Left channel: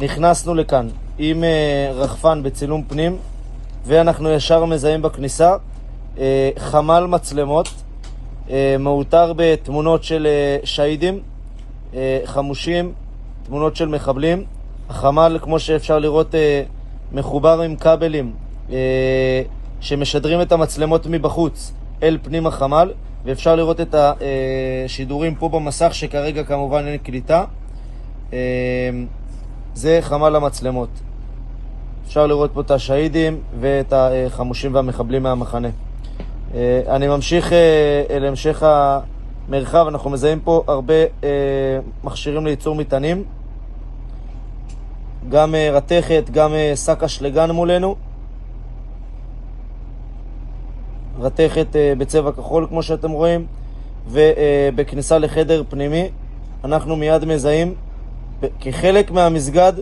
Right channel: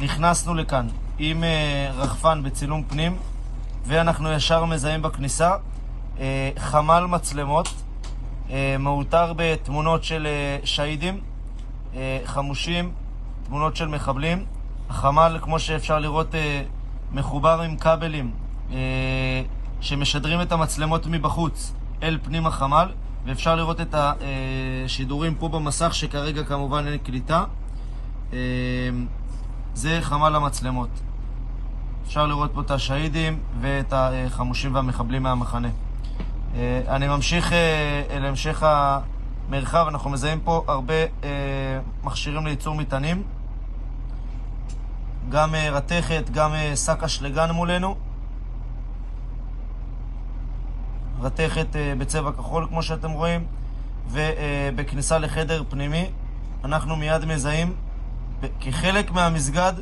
נכנסנו לכאן עם רחפן בצילום פנים, ואנחנו ישר מזהים בכניסה חמ"ל מצלמות מאותר בתמונות של שהידים, חמושים, תמונות של מחבלים. החמ"ל, כמו שאפשר לראות, מחובר עם כבלים שמשדרים את המצלמות מבחוץ אל פנים החמ"ל, ואפשר לראות את השידורים פה במסך, שכרגע כמובן אין קליטה. זה חמ"ל המצלמות. אפשר לראות פה את השהידים ואת החמושים והמחבלים מהמחנה. אני ממשיך אל המשך המרחב. אנחנו מזהים פה הרבה מכשירים לייצור מטענים, גם רתכת, גם שק אשלגן מולנו. רתכת בצבע כחול כמו שאתם רואים, ובכניסה לחדר פנימי אנחנו מיד מזהים כחלק מהמסגד